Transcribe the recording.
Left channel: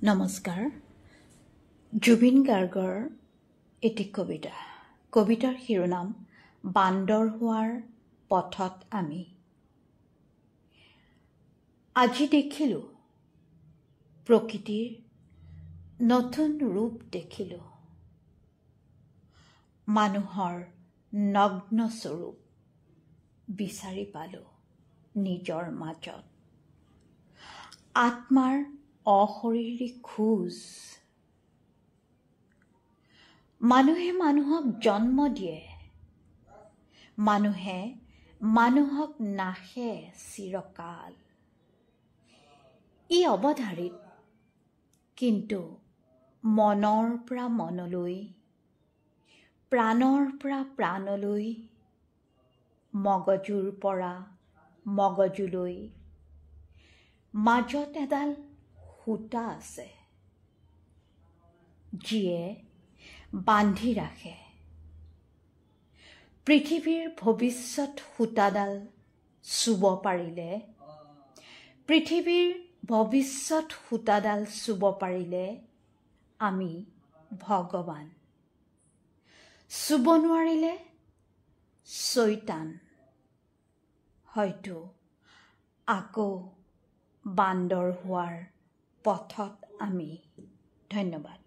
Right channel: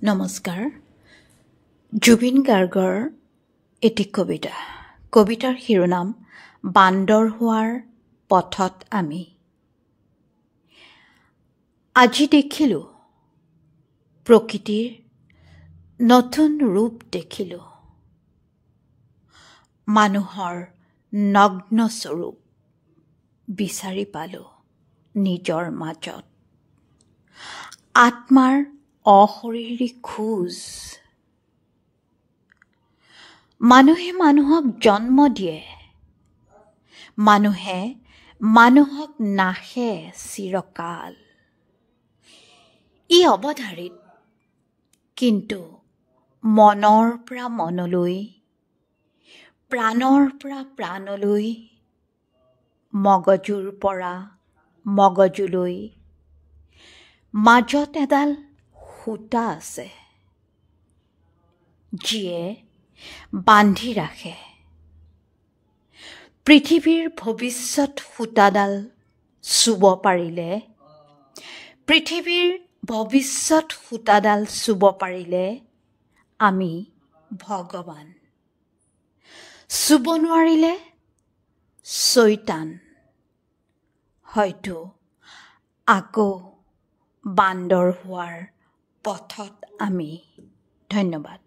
নমস্কাৰ। জুবিন গাৰ্গৰ এটি কবিতাৰ শিৰোনাম বান্দৰ হোৱাৰ পথত আমি। আজি দেখিলোঁ প্ৰকৃতিৰ নতুন ৰূপ দেখিলোঁ, মানুহৰ নগ্ন স্বৰূপ বিচাৰি পালোঁ নিজৰ মাজত। আত্মাৰ অশৰীৰী খোজ। মানুহে মানুহক জন্ম দিয়ে, মানুহে মানুহক নাশে চিৰকাল। ই অৱধাৰিত, কিন্তু মনৰ পৰা মনলৈ, প্ৰাণৰ পৰা প্ৰাণলৈ, মগজুৰ পৰা মগজুলৈ মাজত এডাল সূতা আছে, যিয়ে বান্ধি ৰাখে। পৃথিৱীৰ ভৱিষ্যত সূতাডাল চুব পাৰিলে, পৃথিৱীৰ ভৱিষ্যত সূতাডাল চুব পাৰিলে আমি ভগৱান। চুব নোৱাৰিলে চৈতান। হয়তো আকৌ বান্দৰ হোৱাৰ পথত আমি। ধন্যবাদ।